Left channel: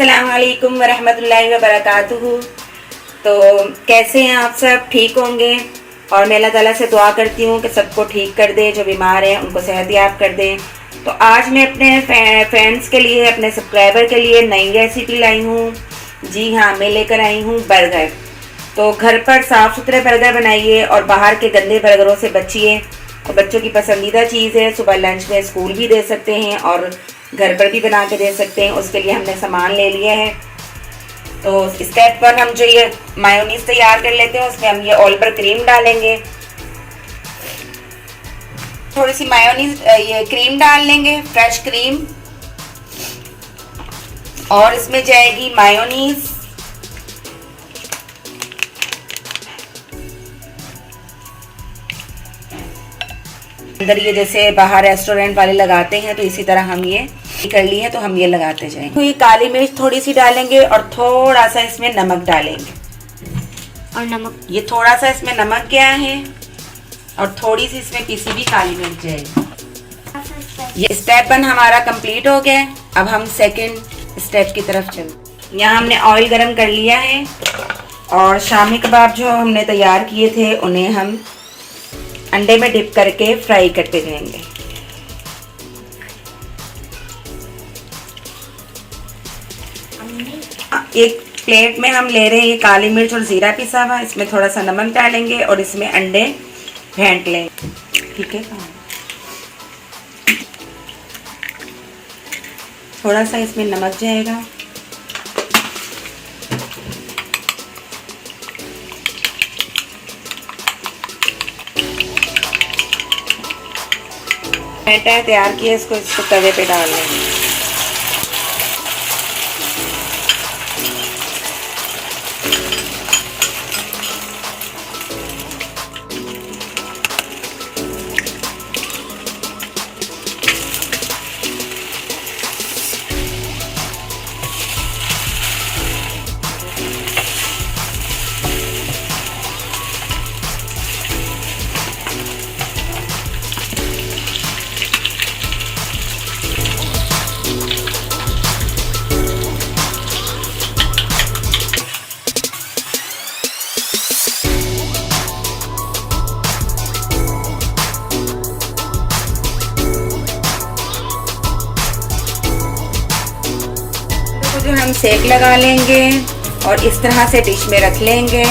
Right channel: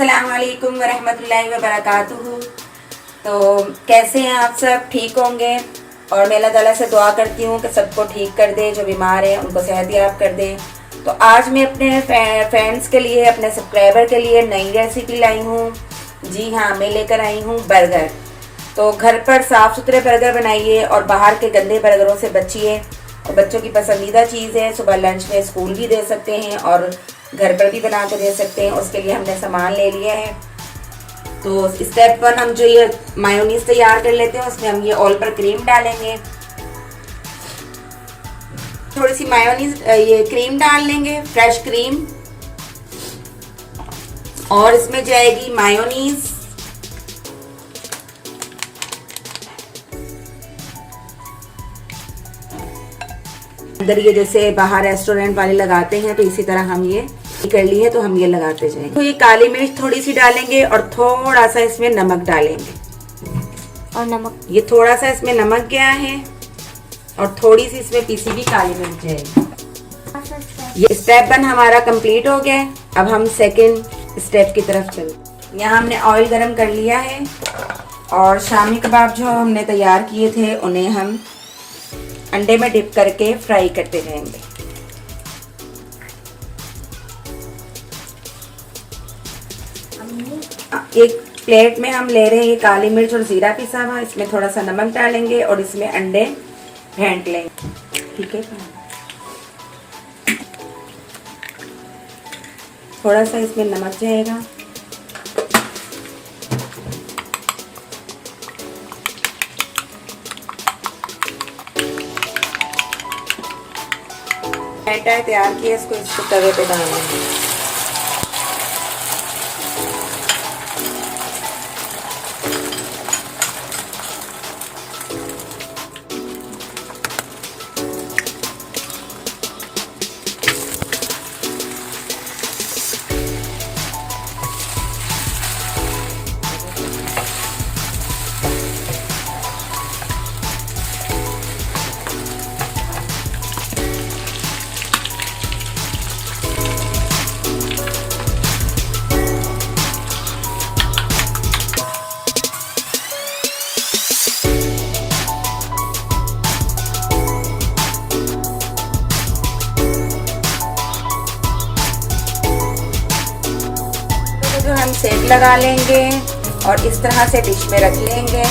अस्सलामुअलैकुम वरहमतुल्लाहि वबरकातुहू। तो कैसे हैं आप सब? ठीक होंगे। और मैं अल्लाह ताला से दुआ करती हूँ कि सबको ठीक कर दे, जो बीमार हैं उनको सेहत याब कर दे। तो आज मैं अपने फ्रेंड्स के लिए, अपने सब्सक्राइबर के लिए नई रेसिपी लाई हूँ। जी हाँ, मैं लेकर आई हूँ बर्गर। तो घर पर साफ़ सुथरे बर्गर बनाइए और बाहर के गंदे बर्गरों से बचिए। और बच्चों की पसंदीदा चीज़ है, सुबह लंच में स्कूल भी दे सकते हैं और घर पर भी बना के दे सकते हैं। उसके लिए हमने सामान ले लिया है। तो स्टेप पर हम जो ये मायोनीज तैयार कर लेते हैं, उसमें हम ये ऑयल पर क्रीम डालेंगे। थोड़ी सी मायोनीज ये क्रीम डाल लेंगे, फ्रेश क्रीम। और इसमें जाएगी मायोनीज, अंदर ये जैसे बाहर रेस्टोरेंट वाले लगाते हैं, तो इसी तरह हम ये कर ली है, तो हम ये लगाते जाएंगे। तो ये काली मिर्च थोड़ी सी डालेंगे और थोड़ा सा इसमें नमक डालेंगे। और नमक, ये थोड़ा सा इसमें नमक गया है और थोड़ी सी इसमें पीसी हुई काली मिर्च जाएगी। ये स्टेप 1 हमारा कंप्लीट हो गया। अब हम सेकंड स्टेप की तरफ चलते। यहाँ हमने ऑयल गरम कर लिया है और शामी कबाब जो हमने तैयार किए थे उन्हें हम अंडे में डिप करके फ्राई करते जाएंगे। एक प्लेट में हम ले रहे हैं ये काली मिर्च और जीरा पिसा हुआ, इसमें थोड़ा सा नमक डालेंगे और इसमें अंडे फेंट लेंगे। ठीक है, थोड़ा सा इसमें नमक जाएगा। बैटर तैयार किया, इसको तवे पे डाल लेंगे। जो हम सेक लगा लेंगे और इस तरह से डिश में रख लेंगे।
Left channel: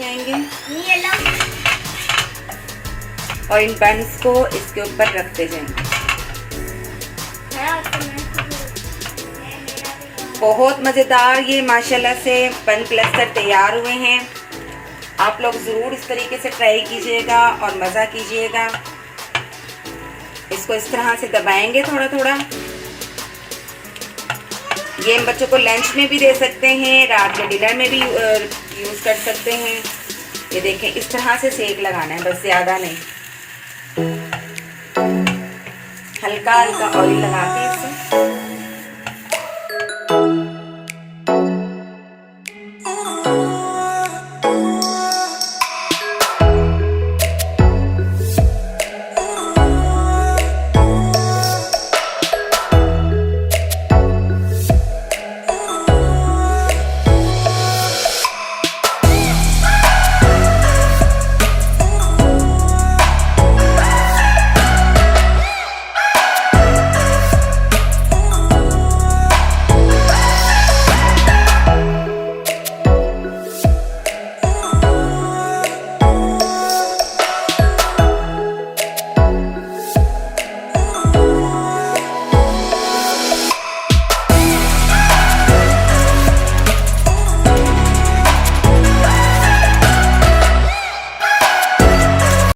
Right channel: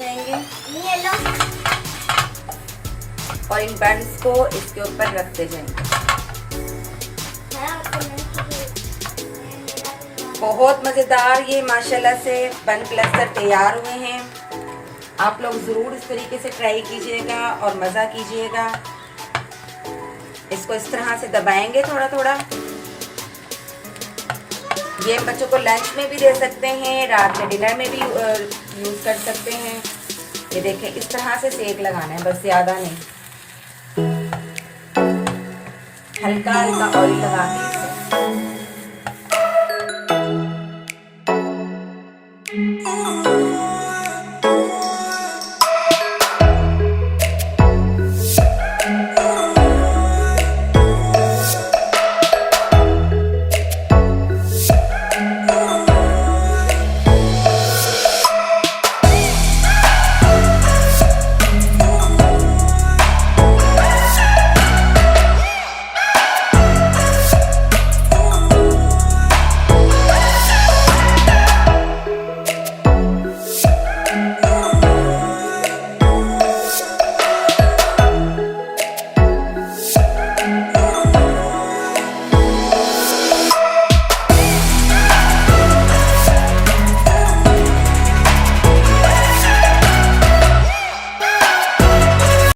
जाएंगे और इन बंस को इसके ऊपर रखते जाएंगे। बहुत मज़ेदार ये माशाल्लाह से बन प्लस्तर तैयार हुए हैं। आप लोग ज़रूर इस तरीके से ट्राई कीजिएगा और मज़ा कीजिएगा। इसको इस तरह से दबाएंगे थोड़ा थोड़ा। ये बच्चों को लंच में भी दे सकते हैं, रात के डिनर में भी यूज़ कर सकते हैं। ये देखें, इस तरह से सेक लगाना है, बस ज़्यादा नहीं। हल्का हल्का ऑयल लगा के